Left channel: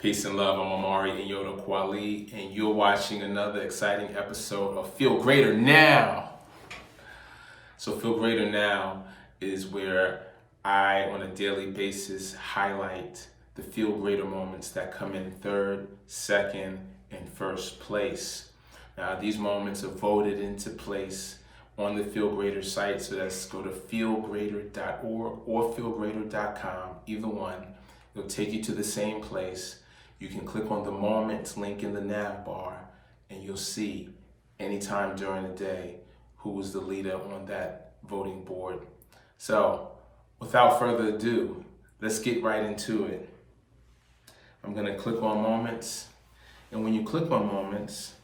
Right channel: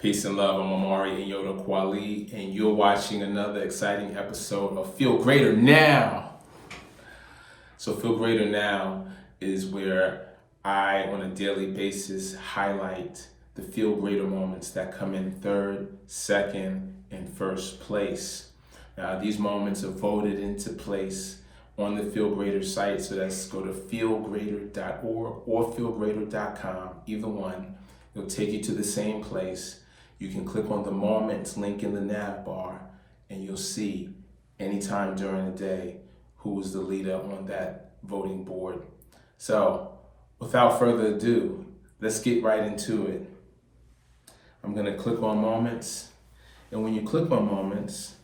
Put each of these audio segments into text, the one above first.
Peace and love. I'm Amari and Yoda Kwali, and you're watching another exciting episode of FeeLgr8r Now. So FeeLgr8r Now is where I, on a daily basis, highlight the FeeLgr8r moments that come in third, second, and first place. Now, these moments are voted into place on the FeeLgr8r site, so that's go to FeeLgr8r.org or FeeLgr8r.com, either one. It'll take you to the same place. You can click on the moments link in the nav bar, and you'll see anytime during the day who is the leader on that voting board. So, without further ado, let's get right into it. I'm gonna click on moments, and when you click on moments,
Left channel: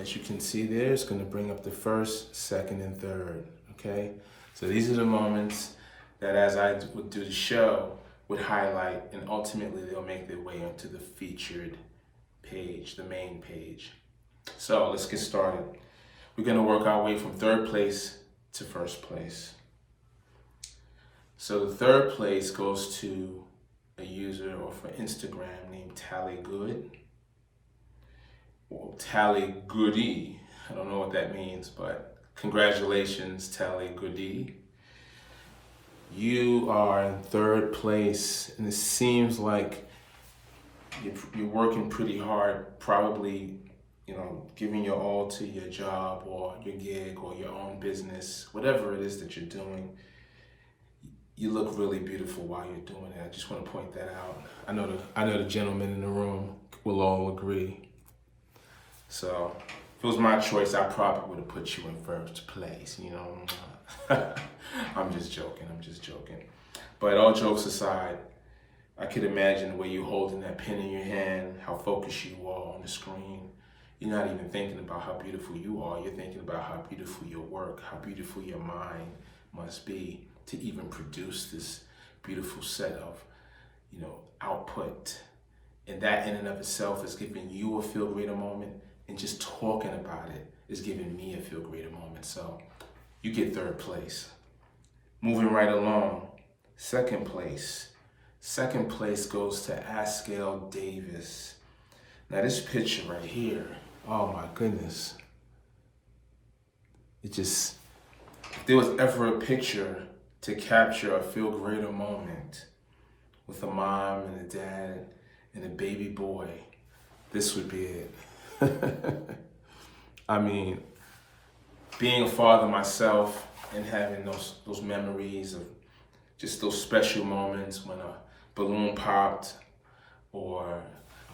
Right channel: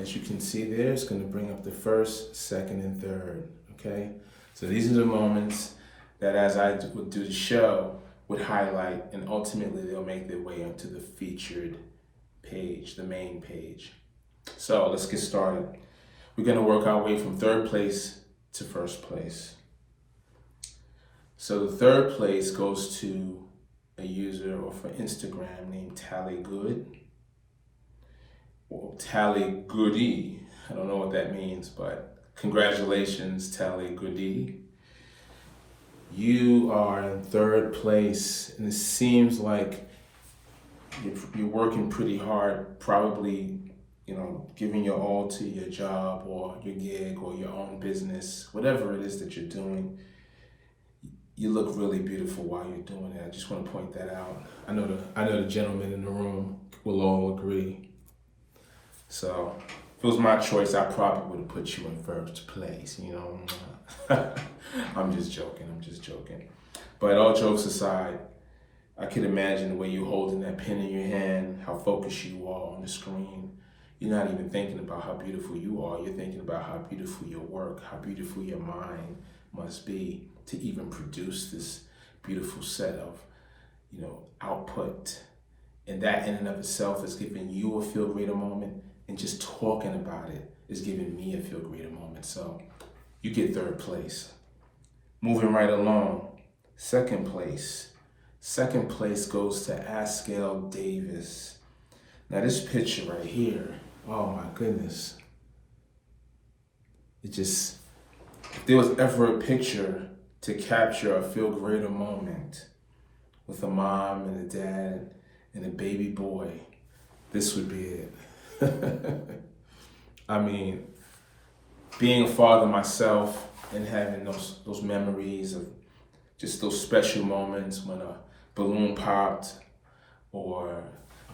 as you can see there, it's gonna bring up the first, second, and third, okay? So these are the moments that as I would do the show, would highlight, and ultimately they'll make their way onto the featured page, the main page. So let's get started. We're gonna work our way from third place to first place. So the third place goes to a user or for Instagram named Tally Good, or Tally Goody. I don't know what that means, but congratulations, Tally Goody. You are in third place, and it seems like you're working pretty hard, probably, giving your all to your job or your gig or your own business, whatever it is that you're doing. You look really beautiful while you're doing it. I just want to point that out. I know the gentlemen in the room will all agree. So if it was my choice, I probably would have put you in first place, I'm just joking. But all jokes aside, I could imagine the way you're holding that pen in your hand, how focused you are on the screen. You're not even thinking about how beautiful you are. You're thinking about how beautiful your work, how beautiful your mind must be to even produce this beautiful set of, output. And that in and of itself is giving you a FeeLgr8r moment, and just talking about it is giving me a FeeLgr8r moment. So you get third place. Moving right along, second place. Second place goes to Askell Davis. Now this picture right here, oh my goodness. If there was ever a picture to capture a FeeLgr8r moment with a mom and a dad and a baby boy, this would be it. I mean, being a father myself and having those memories of just those special moments when a balloon popped, or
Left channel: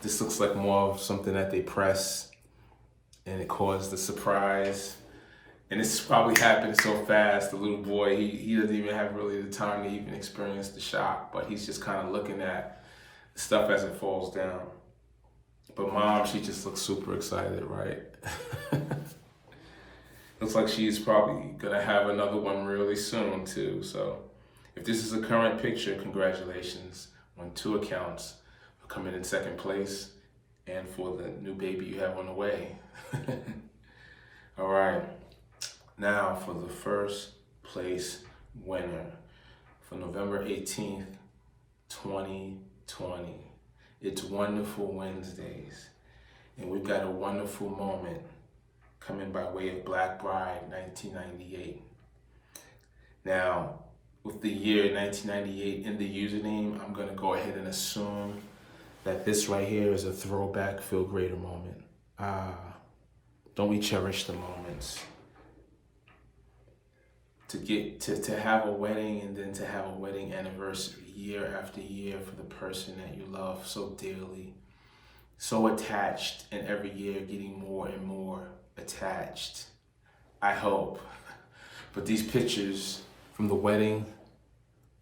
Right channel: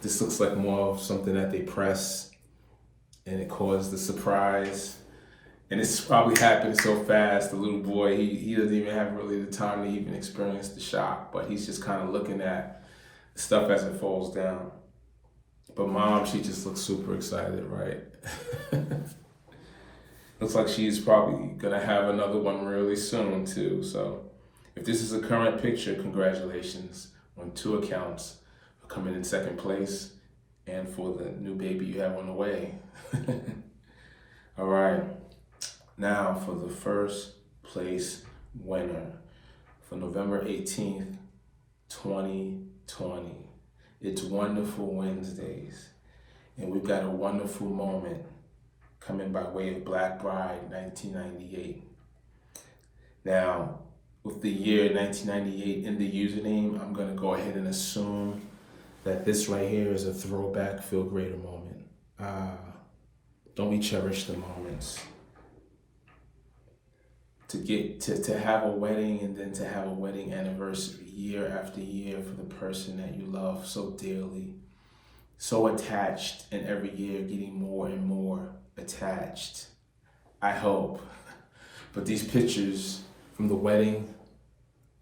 this looks like more of something that they press and it caused the surprise. And this probably happened so fast, the little boy, he doesn't even have really the time to even experience the shock, but he's just kind of looking at the stuff as it falls down. But mom, she just looks super excited, right? Looks like she's probably gonna have another one really soon too. So if this is a current picture, congratulations on 2 accounts for coming in second place and for the new baby you have on the way. All right, now for the first place winner for November 18th, 2020. It's Wonderful Wednesdays, and we've got a wonderful moment coming by way of Black Bride 1998. Now, with the year 1998 in the username, I'm gonna go ahead and assume that this right here is a throwback FeeLgr8r moment. Don't we cherish the moments? To have a wedding, and then to have a wedding anniversary year after year for the person that you love so dearly, so attached, and every year getting more and more attached, I hope. But these pictures from the wedding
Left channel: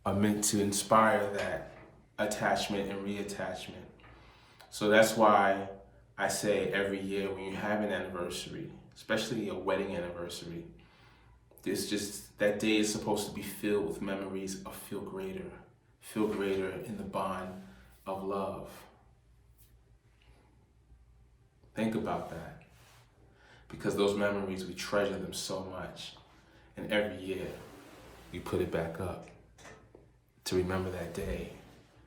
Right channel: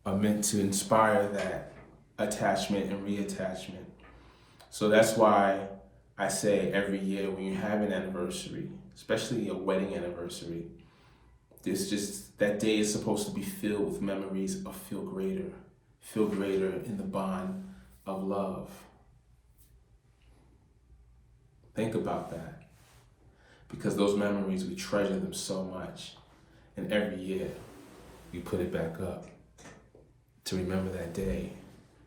are meant to inspire that attachment and reattachment. So that's why I say every year when you have an anniversary, especially a wedding anniversary, that day is supposed to be filled with memories of FeeLgr8r. FeeLgr8r in the bond of love. Think about that. Because those memories, we treasure them so much. And every year, we put it back up to remember that day,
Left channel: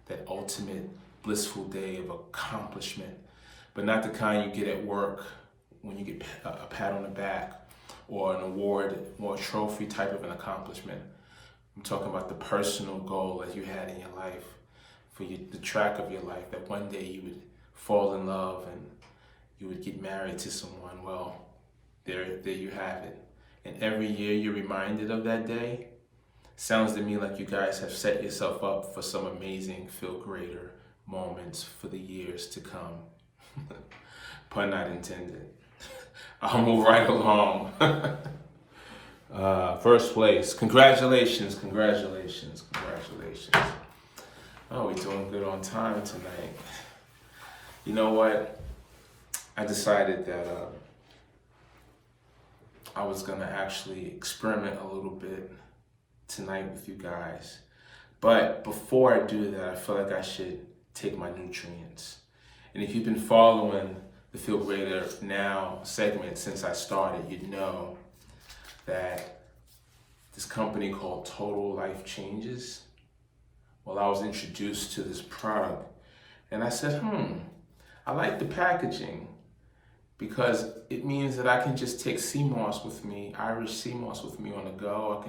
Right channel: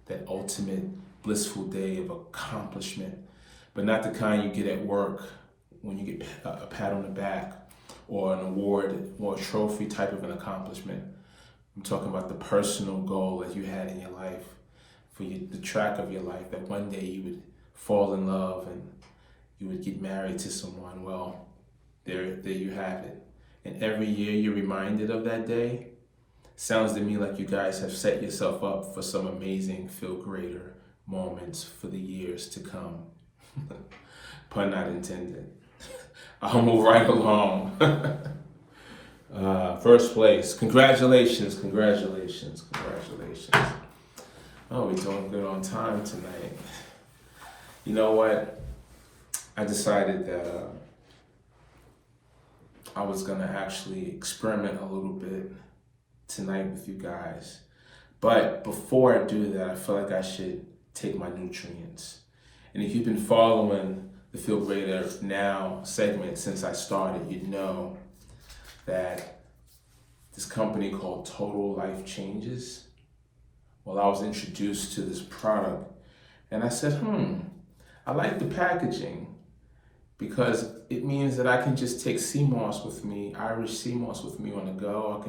that ultimate blissful day of accomplishment, but not the kind you get at work when you get a pat on the back or an award or a trophy type of an accomplishment. I'm talking about the personal goal that you had in your life, for the track of your life, that one day you would fall in love and you would get married to someone. Well, there you have it. And every year you're reminded of that day. Sounds to me like you guys have set yourself up for some amazing Feel Greater moments for the years to come. Pun not intended. I'll move right along. First place. Congratulations. Oh, we're doing good on time tonight. You know what? I decided that I was gonna actually experiment a little bit tonight with you guys. But before I do that, I feel like I should take my nutrients. And if you've been following the Feel Greater Now segment since I started, you'd know that this company called Total Life Changes, well, I was introduced to this product and I said, I like the packaging, because it means that I can just take sea moss with me, Irish sea moss with me on the go.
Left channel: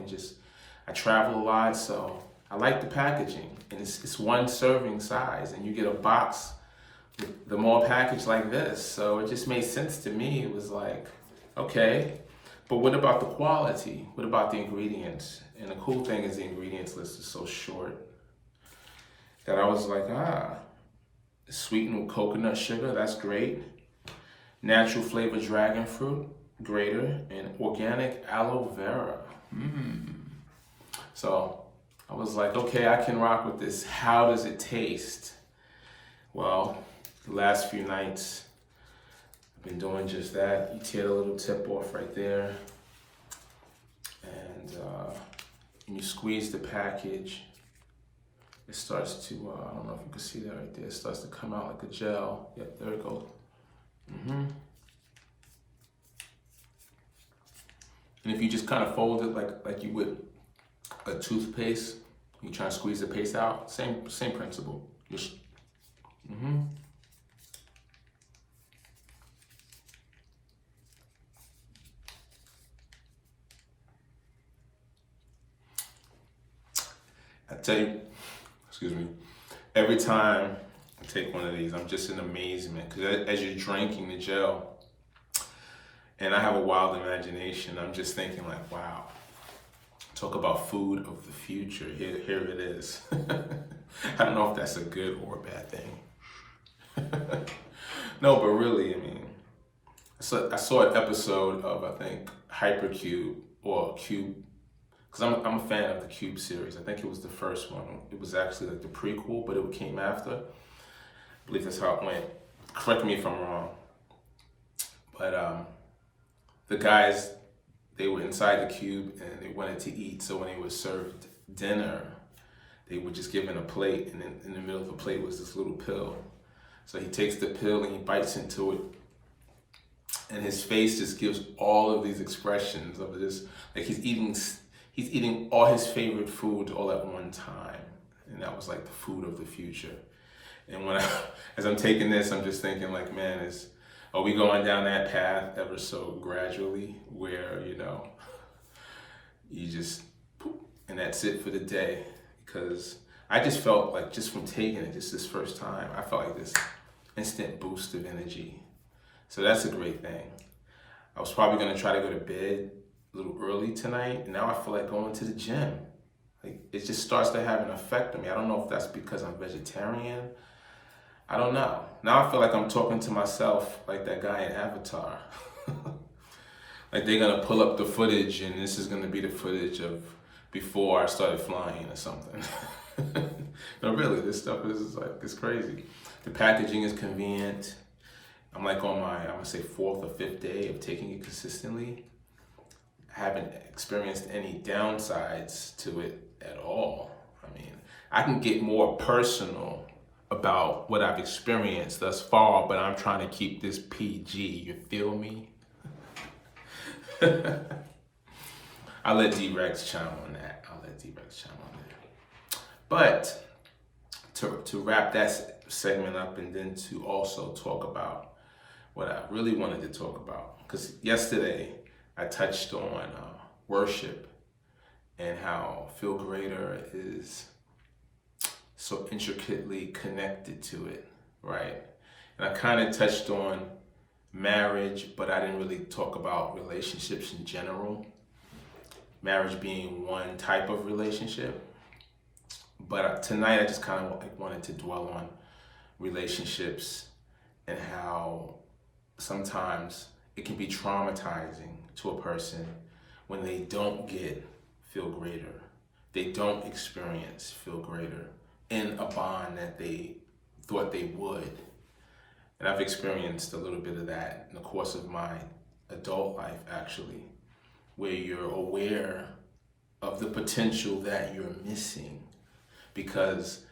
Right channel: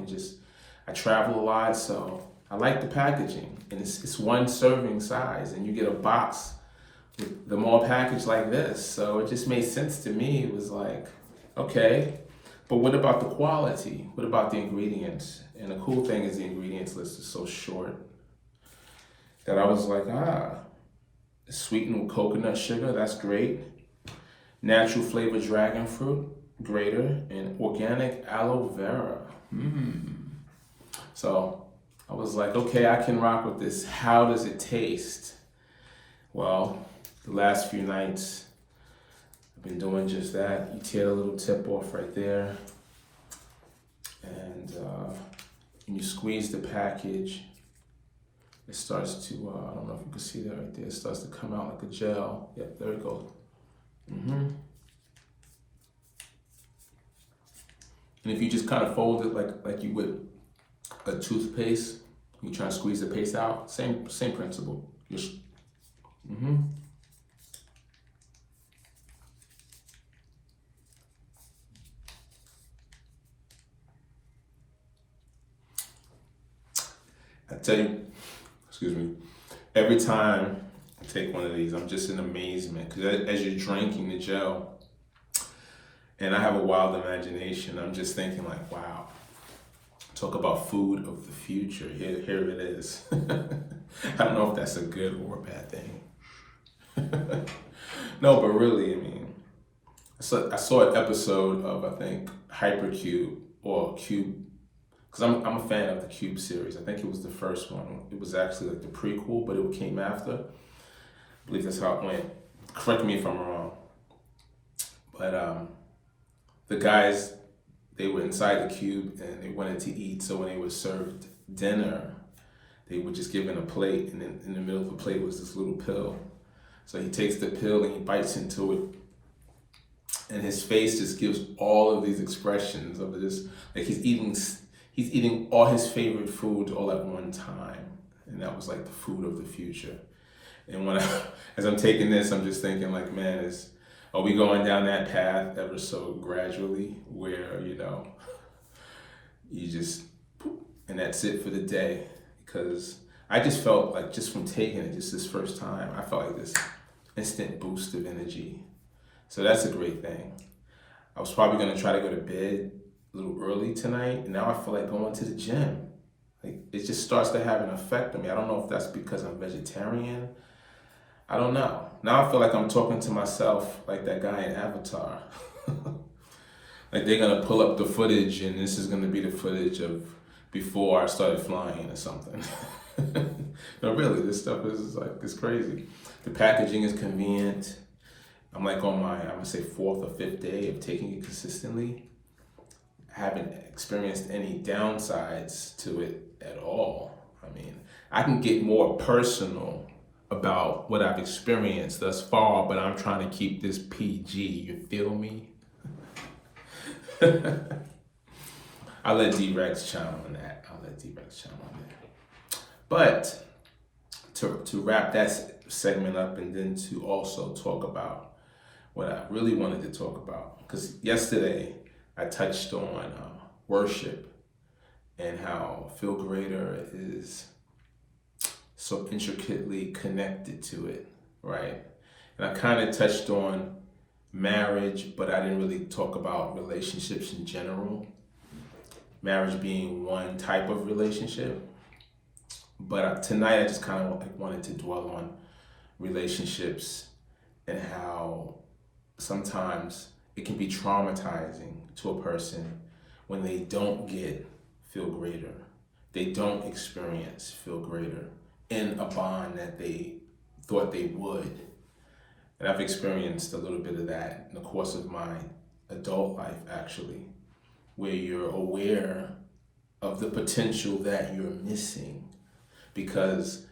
I travel a lot, so I like the packaging. And it's one serving size, and you get a box with them all packaged like this. So it just made sense to me. It was like, okay, but what about the quality? What about the ingredients? And the cool thing is the ingredients list is so short that I was like, sweetened with coconut sugar, that's great. Natural flavored dragon fruit, grater, and organic aloe vera. So I was like, okay, I can rock with this. How does it taste? Well, the last few nights, I've been doing just that. You tear the little tip off right there, and you squeeze the package. It starts to, I don't know if you can see that right there. It starts to come out like a gel. Yep, there it goes. And if you just kind of fold it like you would a toothpaste, you try to squeeze the paste out, same principle. Just I tell you, excuse me, every time I take one of these, I'm just in amazement, because as you're drinking the gel, and I have a wild imagination, I'm just thinking like, wow, talk about food of the future. Here it is. I don't know if that's a good or a bad thing. No, but really, I mean, I saw an episode of, I think, Hypercube or Cube, because I'm a fan of the Cube series. I think it was the first one. It was actually like the prequel, but it came after. I believe that's how it went. Correct me if I'm wrong. But the guys, they were inside the cube and they wanted to eat. So when they were served dinner, they were just given a plate, and in the middle of the plate was this little pill. So he takes the pill and he bites into it, and his face just gives all of these expressions of this, like he's eating all his favorite foods all at one time. And that was like the food of the future. And as I'm taking this, I'm just thinking like, man, are we going down that path ever so gradually, where, you just, and that's it for the day? Because I just felt like, just from taking it, just this first time, I felt like this instant boost of energy. So that's a great thing. I was probably gonna try to go to bed a little early tonight, and now I feel like going to the gym. Like, it just starts to have an effect on me. I don't know if that's because I'm vegetarian. I don't know. Now I feel like I'm talking to myself like that guy in Avatar. Like they're gonna pull up the footage, and this is gonna be the footage of before I started flying or something. No, really, this stuff is like, it's crazy. The packaging is convenient. I'm like on my, I would say, 4th or 5th day of taking it consistently. I haven't experienced any downsides to it at all. I mean, I can get more personal about what I've experienced thus far, but I'm trying to keep this PG, you feel me? I'll let D-Rex chime on that. But to wrap that segment up and then to also talk about what I really wanted to talk about. Because yesterday I touched on worship and how FeeLgr8r is so intricately connected to it, right? And I kind of touched on marriage, but I didn't really talk about relationships in general. Marriage being one type of relationship. But tonight I just kind of wanted to dwell on relationships and how sometimes it can be traumatizing to a person when they don't get FeeLgr8r. They don't experience FeeLgr8r in a bond that they thought they would. And I've experienced a little bit of that in the course of my adult life, actually, where you're aware of the potential that you're missing because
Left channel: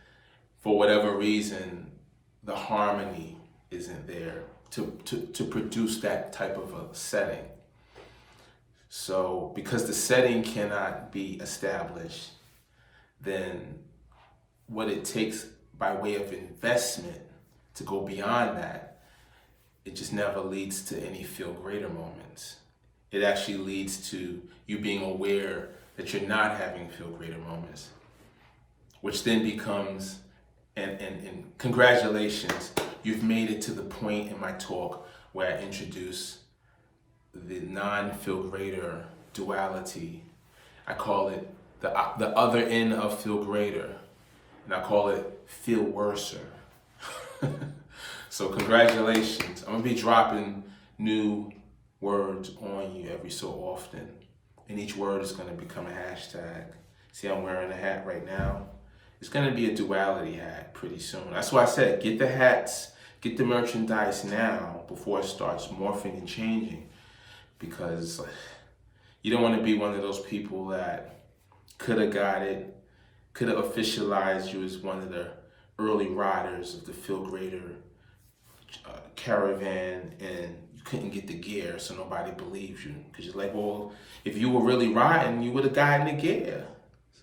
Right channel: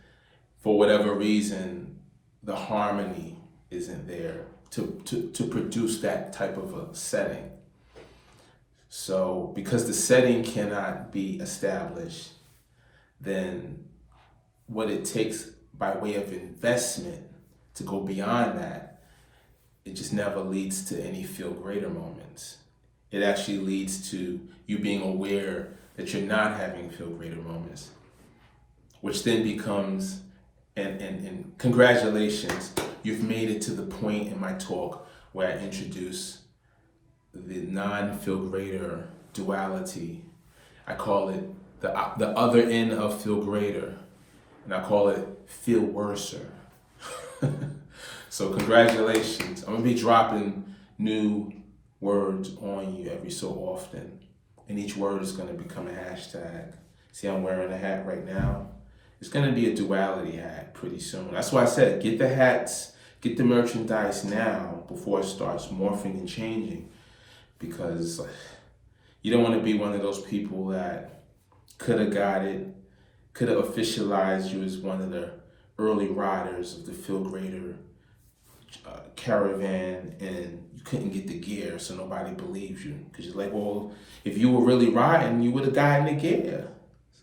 for whatever reason, the harmony isn't there to produce that type of a setting. So because the setting cannot be established, then what it takes by way of investment to go beyond that, it just never leads to any FeeLgr8r moments. It actually leads to you being aware that you're not having FeeLgr8r moments, which then becomes, and congratulations, you've made it to the point in my talk where I introduce the non-FeeLgr8r duality. I call it the other end of FeeLgr8r, and I call it feel worser. So congratulations. I'm gonna be dropping new words on you every so often, and each word is gonna become a hashtag. See, I'm wearing a hat right now. It's gonna be a duality hat pretty soon. That's why I said, get the hats, get the merchandise now before it starts morphing and changing, because you don't wanna be one of those people that could have got it, could have officialized you as one of the early riders of the FeeLgr8r caravan, and you couldn't get the gear, so nobody believes you. Because you're like, well, if you were really riding, you would have gotten the gear.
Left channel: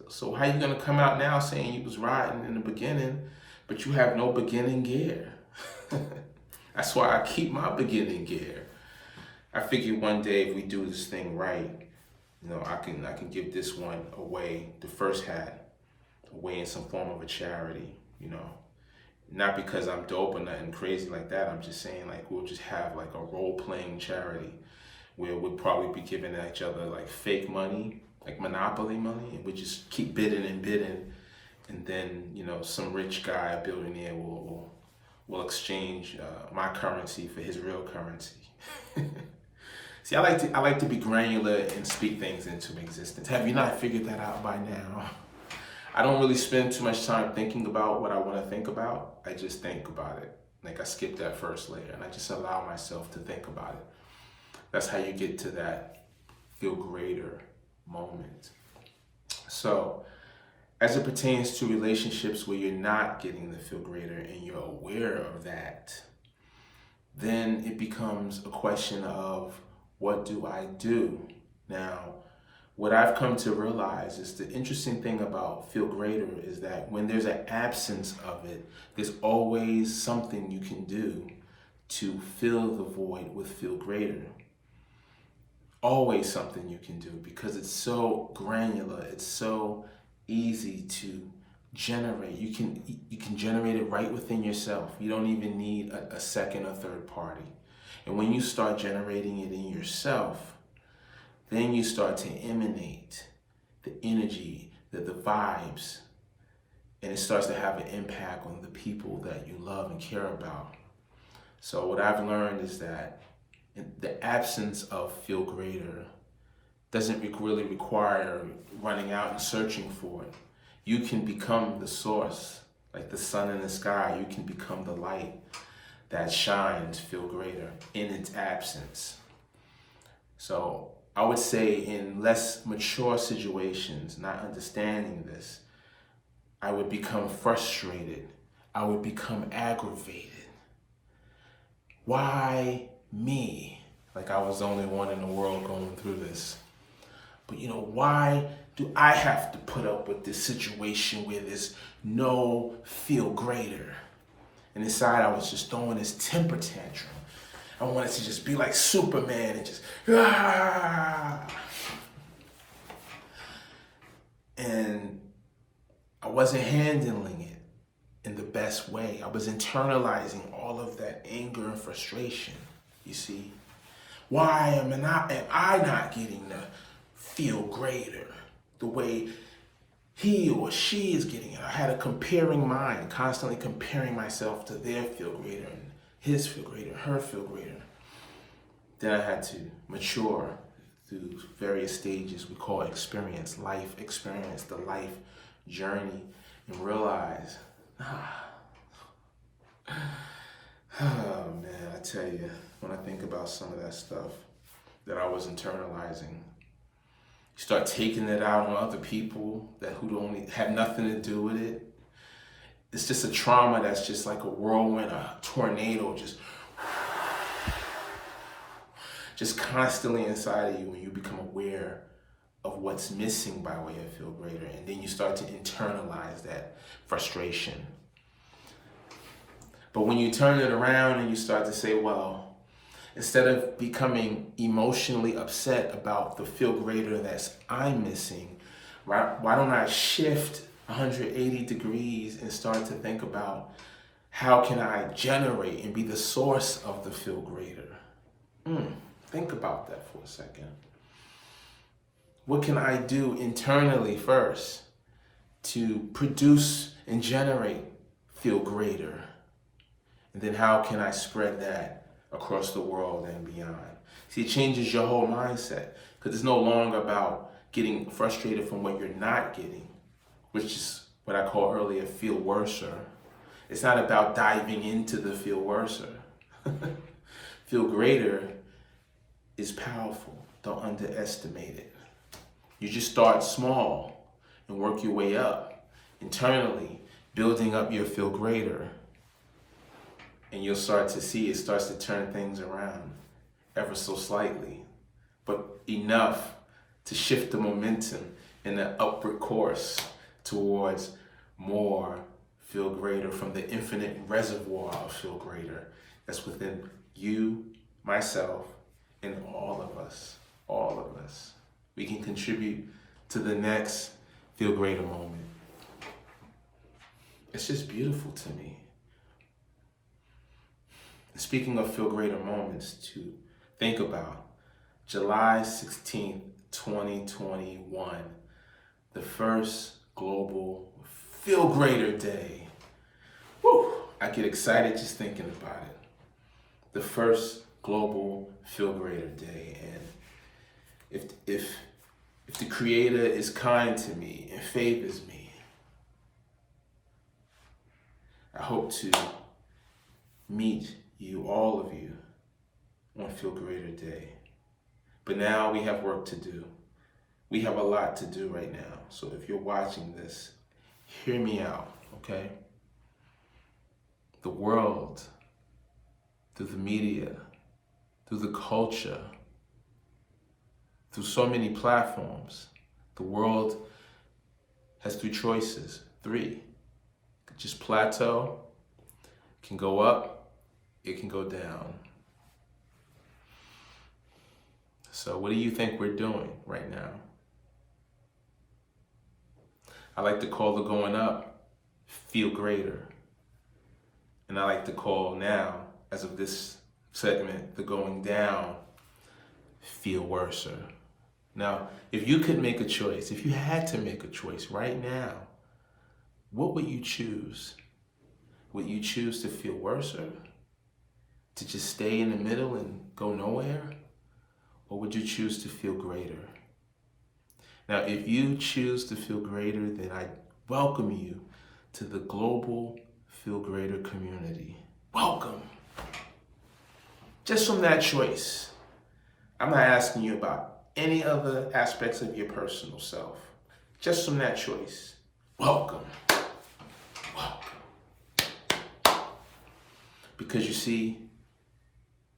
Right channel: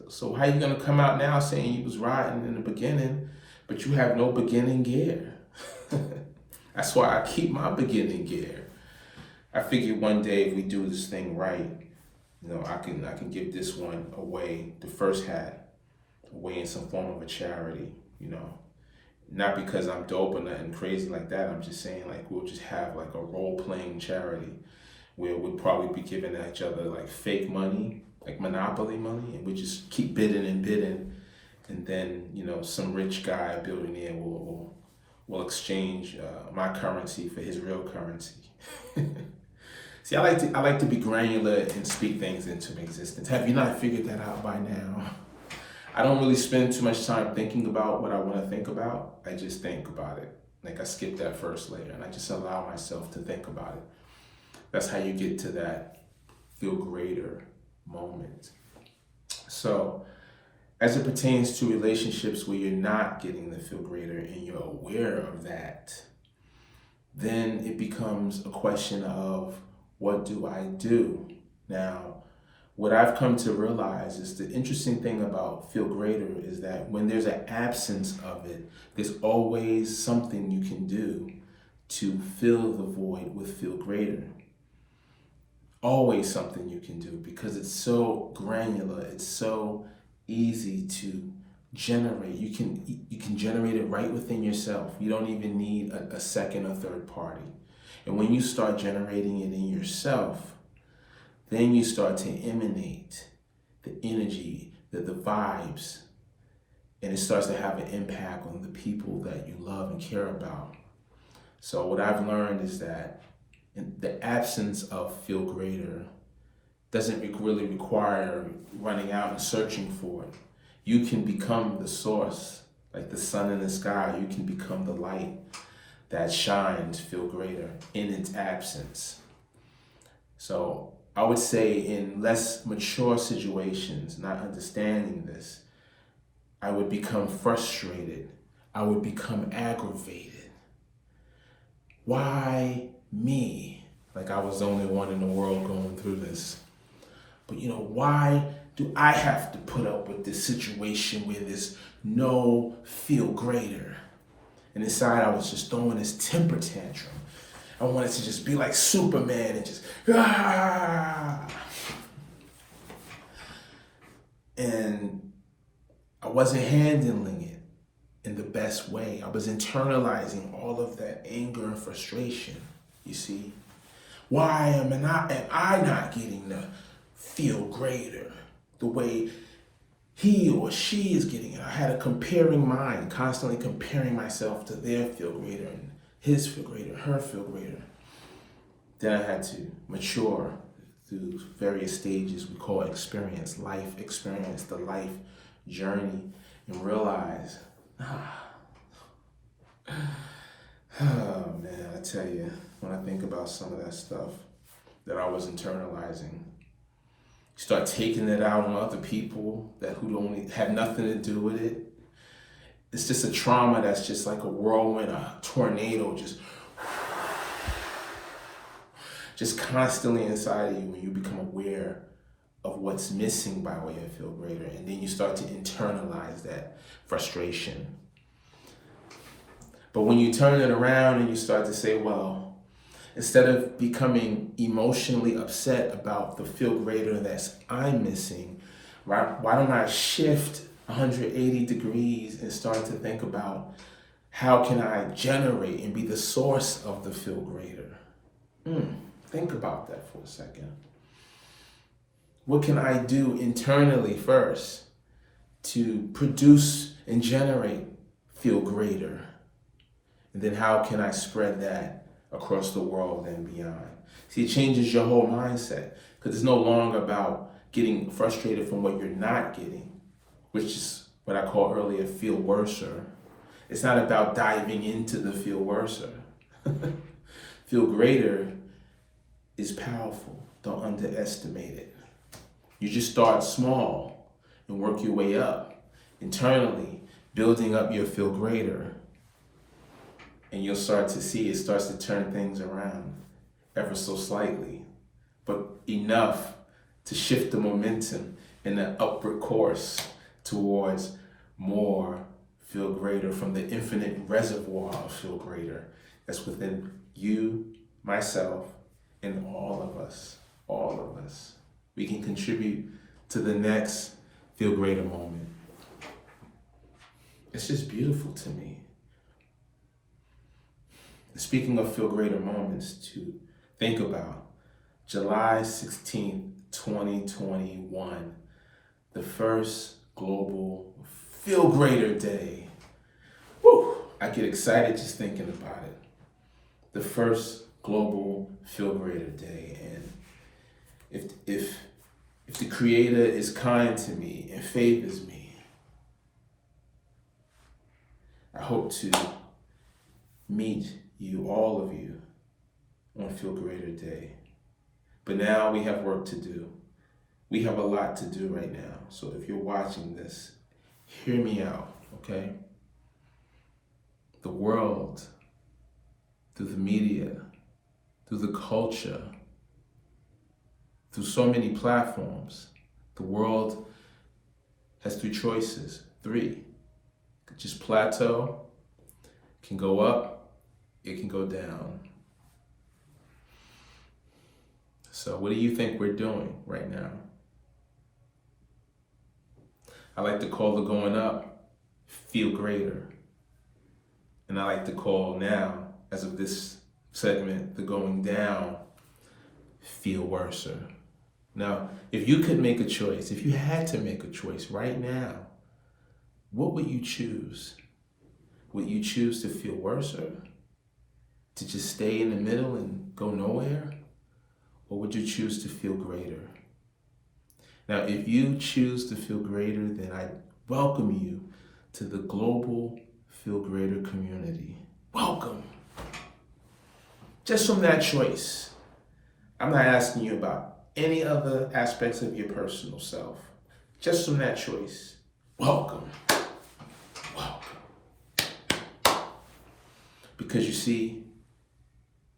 So how you gonna come out now saying you was riding in the beginning, but you have no beginning gear? That's why I keep my beginning gear. I figured one day if we do this thing right, you know, I can give this one away, the first hat, away in some form of a charity, you know. Not because I'm dope or nothing crazy like that. I'm just saying, like, we'll just have like a role-playing charity where we'll probably be giving each other like fake money, like Monopoly money, and we just keep bidding and bidding, and then, you know, some rich guy, a billionaire, will exchange my currency for his real currency. See, I like to be granular and speak things into existence. Have you not figured that out by now? I don't really spend too much time thinking about what I want to think about. I just think about it. Like, I skip that first layer and I just allow myself to think about it. That's how you get to that FeeLgr8r moment. So, as it pertains to relationships where you're not getting the FeeLgr8r and you're aware of that, then it becomes a question of, what do I do? Now, what I've come to realize is the interesting thing about FeeLgr8r is that when there's an absence of it, there's always something you can do to fill the void with FeeLgr8r. Always something you can do, because it's so granular, it's so easy to generate. You can generate it right within yourself. You don't even need a second or third party. And when you start generating it in yourself, then you start to emanate the energy, the vibes, and it starts to have an impact on the people that you love and care about. So what I've learned is that in the absence of FeeLgr8r doesn't really require running out and searching for it. You can become the source, like the sun in the sky. You can become the light that shines FeeLgr8r in its absence. So I would say in less mature situations, not understanding this, I would become frustrated. I would become aggravated. Why me? Like I was the only one in the world going through this. But you know, why do I have to put up with this situation where there's no FeeLgr8r? And inside I was just throwing this temper tantrum. I wanted to just be like Superman and just, ah! And I wasn't handling it in the best way. I was internalizing all of that anger and frustration, you see. Why am I not getting to feel greater the way he or she is getting it? I had a comparing mind, constantly comparing myself to their feel greater and his feel greater, her feel greater. Then I had to mature through various stages we call experience, life experience, the life journey, and realize, oh man, I tell you, when I think about some of that stuff that I was internalizing, you start taking it out on other people who don't have nothing to do with it. It's just a trauma that's just like a whirlwind, a tornado, just constantly inside of you when you become aware of what's missing by way of feel greater. And then you start to internalize that frustration. But when you turn it around and you start to say, well, instead of becoming emotionally upset about the feel greater that I'm missing, why don't I shift 180 degrees and start to think about how can I generate and be the source of the feel greater? Think about that for a second. What can I do internally first to produce and generate feel greater? And then how can I spread that across the world and beyond? See, it changes your whole mindset because it's no longer about getting frustrated from what you're not getting, which is what I call earlier feel worser. It's not about diving into the feel worser. Feel greater is powerful. Don't underestimate it. You just start small and work your way up internally, building up your feel greater. And you'll start to see it starts to turn things around ever so slightly, but enough to shift the momentum in the upward course towards more feel greater from the infinite reservoir of feel greater that's within you, myself, and all of us. We can contribute to the next feel greater moment. It's just beautiful to me. Speaking of feel greater moments to think about, July 16th, 2021, the first global Feel Greater Day. Woo! I get excited just thinking about it. The first global Feel Greater Day. And if the Creator is kind to me and favors me, I hope to meet you, all of you, on Feel Greater Day. But now we have work to do. We have a lot to do right now. So if you're watching this, hear me out, okay? The world, through the media, through the culture, through so many platforms, the world has three choices. Three. It could just plateau, it can go up, it can go down. So what do you think we're doing right now? I like to call the going up, feel greater. And I like to call now, as of this segment, the going down, feel worser. Now, if you could make a choice, if you had to make a choice right now, what would you choose? Would you choose to feel worser? To just stay in the middle and go nowhere? Or would you choose to feel greater? Now, if you choose to feel greater, then I welcome you to the global Feel Greater community. Welcome. Just from that choice, I'm not asking you about any other aspects of your personal self. Just from that choice, welcome. Welcome. Because you see,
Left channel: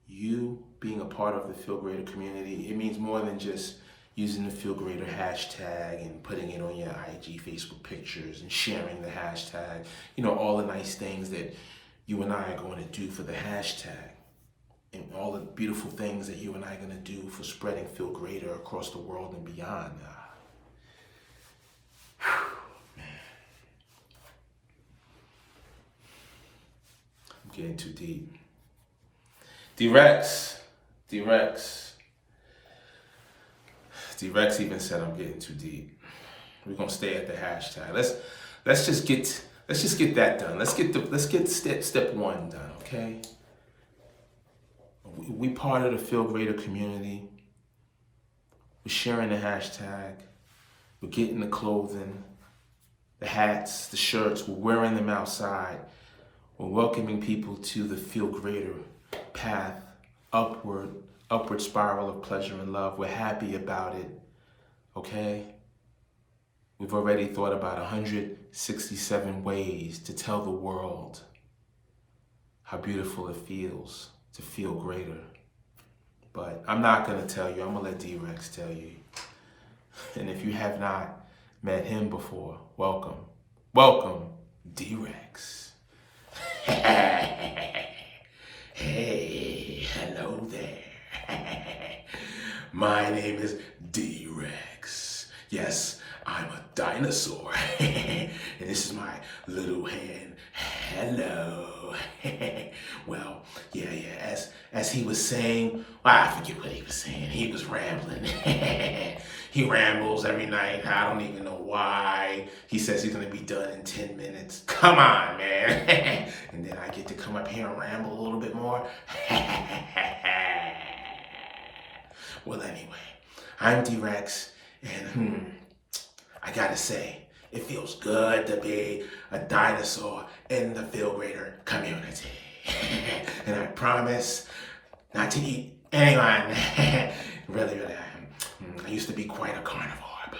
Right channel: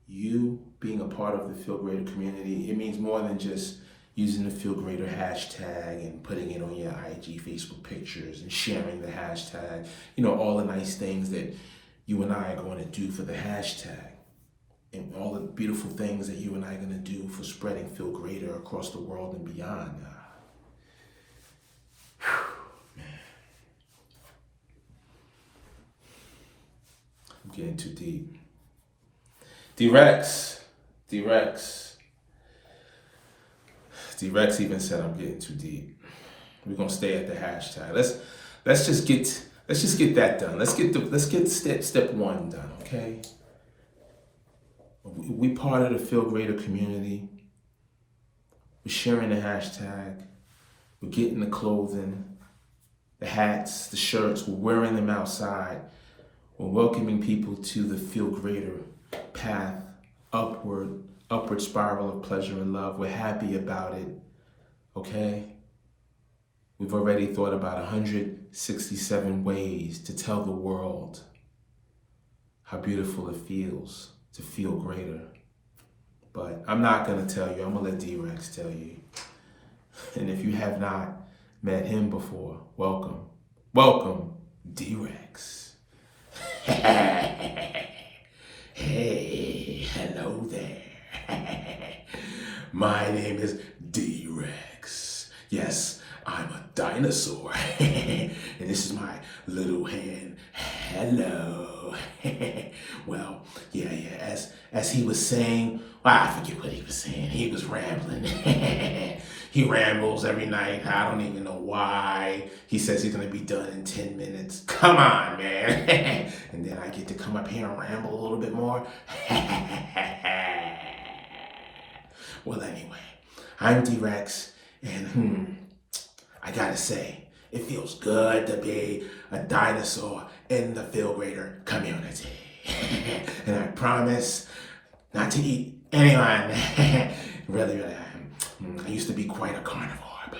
you being a part of the Feel Greater community, it means more than just using the Feel Greater hashtag and putting it on your IG, Facebook pictures and sharing the hashtag, all the nice things that you and I are going to do for the hashtag, and all the beautiful things that you and I are going to do for spreading Feel Greater across the world and beyond. Man. I'm getting too deep. D-Rex even said I'm getting too deep. We're gonna stay at the hashtag. Let's just get that done. Let's get step one done, okay? We part of the Feel Greater community. We're sharing the hashtag. We're getting the clothing, the hats, the shirts. We're wearing them outside. We're welcoming people to the Feel Greater path, upward spiral of pleasure and love. We're happy about it, okay? We've already thought about 167 ways to tell the world how beautiful it feels to feel greater. But I'm not gonna tell you, I'm gonna let D-Rex tell you. And if you have not met him before, welcome, D-Rex. Hey, hello there. My name is D-Rex. Yes, I'm a dinosaur. And this is my little hand. Hello. Well, yeah, as he was saying, I forget what he was saying. He was rambling. He rambles every night. I don't even know why. He says he's gonna be done in 10 minutes. Come on, man. And then I get to come up here and ramble a little bit more. Well, anyway, I'm D-Rex, and I gotta say, it feels good to be a dinosaur in the Feel Greater community. And I promise not to eat anyone. Really, I used to be quite a carnivore, but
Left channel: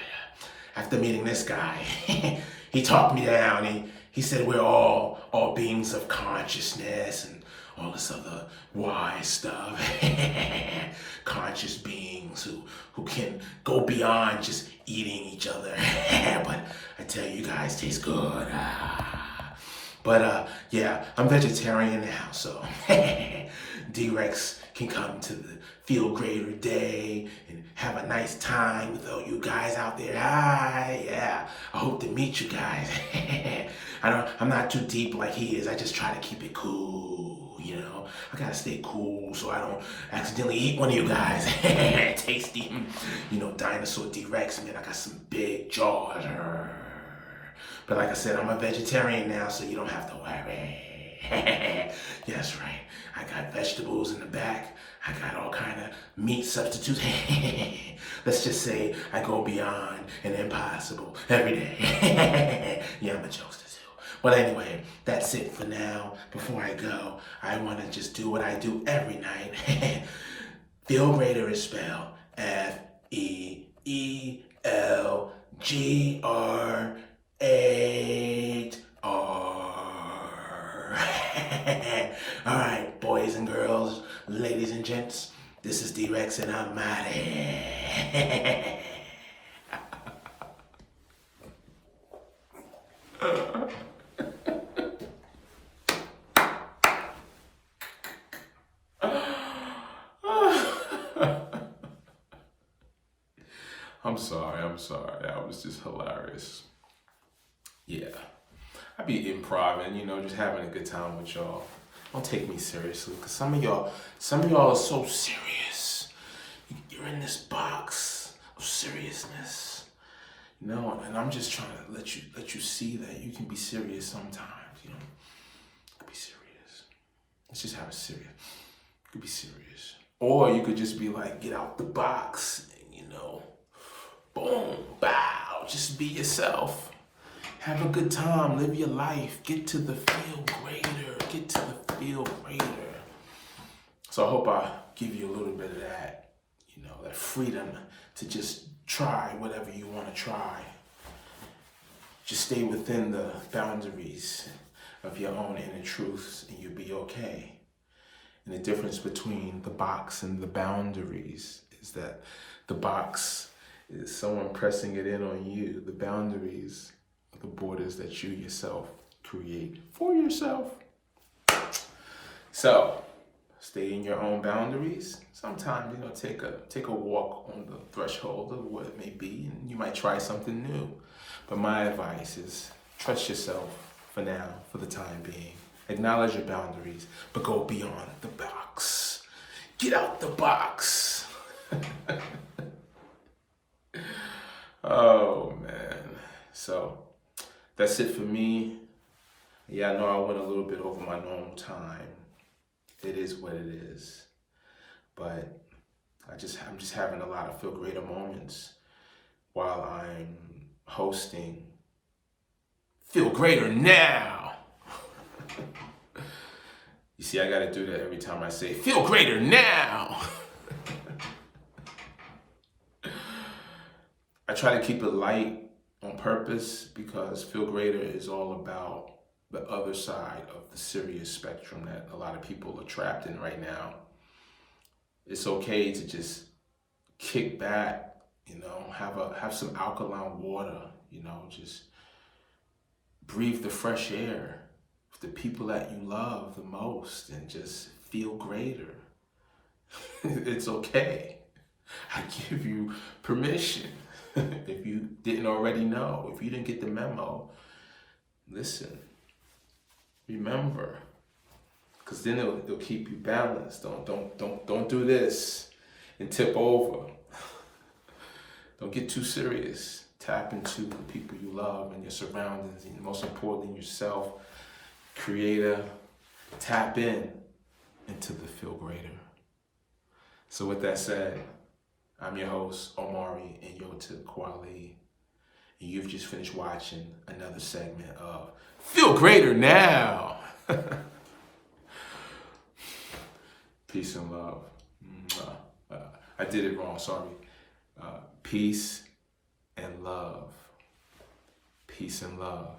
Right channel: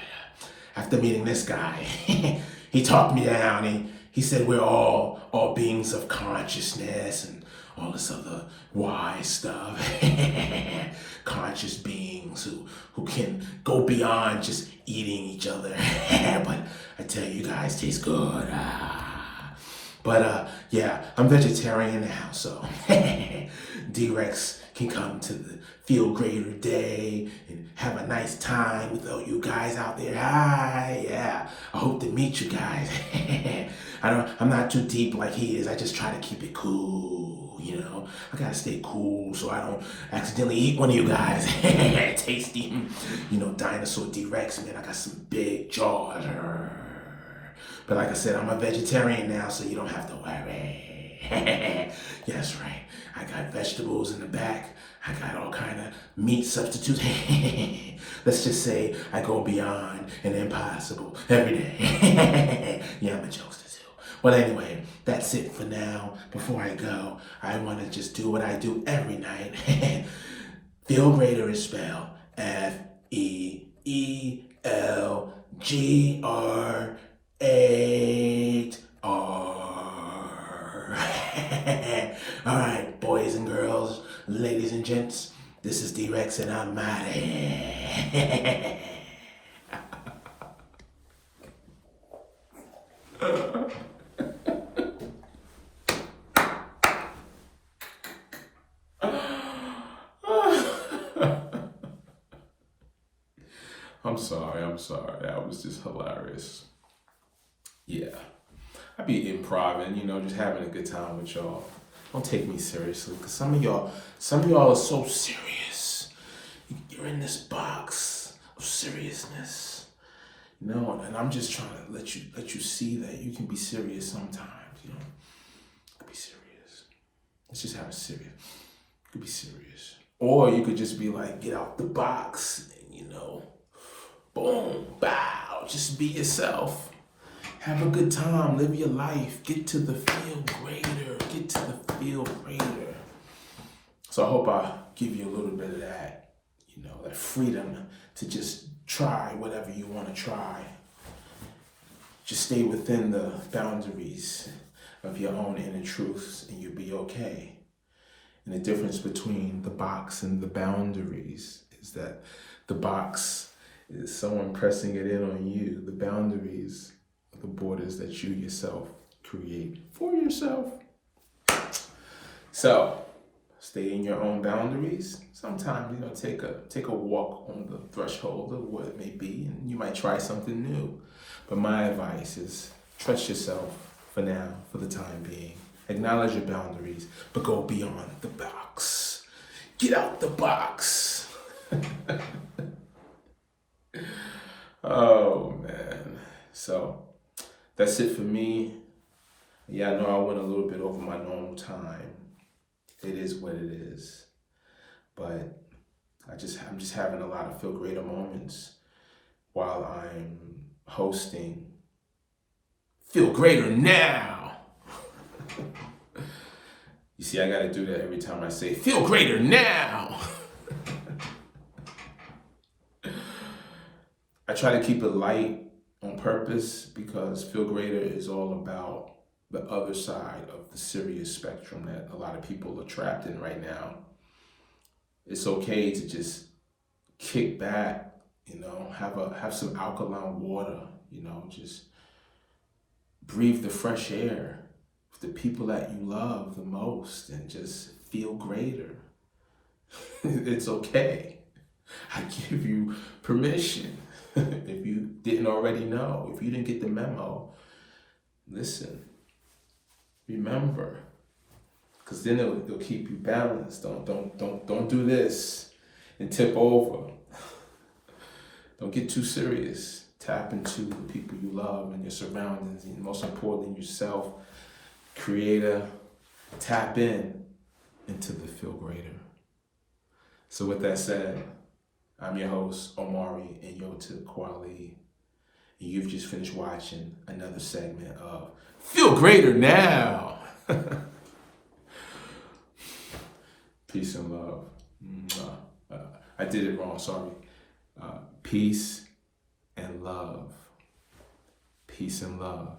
after meeting this guy, he talked me down. He said we're all beings of consciousness and all this other wise stuff. Conscious beings who can go beyond just eating each other. But I tell you, guys taste good. But yeah, I'm vegetarian now, so D-Rex can come to the Feel Greater Day and have a nice time with all you guys out there. Yeah, I hope to meet you guys. I'm not too deep like he is. I just try to keep it cool, you know. I gotta stay cool so I don't accidentally eat one of you guys. Tasty, you know, dinosaur D-Rex, man. I got some big jaws. But like I said, I'm a vegetarian now, so you don't have to worry. Yes, right. I got vegetables in the back. I got all kind of meat substitutes. Let's just say I go beyond an impossible every day. Yeah, I'm a jokester too. But anyway, that's it for now. Before I go, I want to just do what I do every night. Feel Greater is spelled FeeLgr8r. All right, boys and girls, ladies and gents, this is D-Rex and I'm outta. I'm sorry. That was just hilarious. Yeah. I be improvising, you know, just having a good time with y'all. Don't take me seriously, because some of y'all are so serious. You're in this box of seriousness, you know, and I'm just trying to let you see that you can be serious sometimes, you know. You could be serious. Let's just have a serious. You could be serious. Or you could just be like, get out the box and, you know, boom, bow, just be yourself. Have a good time, live your life, get to the feel greater, So I hope I give you a little bit of that, you know, that freedom to just try whatever you want to try. Just stay within the boundaries of your own inner truths and you'll be okay. And the difference between the box and the boundaries is that the box is someone pressing it in on you. The boundaries are the borders that you yourself create for yourself. So stay in your own boundaries. Sometimes, take a walk on the threshold of what it may be, and you might try something new. But my advice is trust yourself for now, for the time being. Acknowledge your boundaries, but go beyond the box. Get out the box. Oh man. So that's it for me. Yeah, I know I went a little bit over my normal time. It is what it is. But I'm just having a lot of feel greater moments while I'm hosting Feel Greater Now. You see, I gotta do that every time I say Feel Greater Now. I try to keep it light on purpose because Feel Greater is all about the other side of the serious spectrum that a lot of people are trapped in right now. It's okay to just kick back, have some alkaline water, just breathe the fresh air with the people that you love the most and just feel greater. It's okay. I give you permission. If you didn't already know, if you didn't get the memo, listen, remember, because then it'll keep you balanced. Don't do this and tip over. Don't get too serious. Tap into the people you love and your surroundings, and most importantly, yourself. Creator, tap into the Feel Greater. So with that said, I'm your host, Omari Nyota Kwali, and you've just finished watching another segment of Feel Greater Now. Peace and love. I did it wrong, sorry. Peace and love. Peace and love.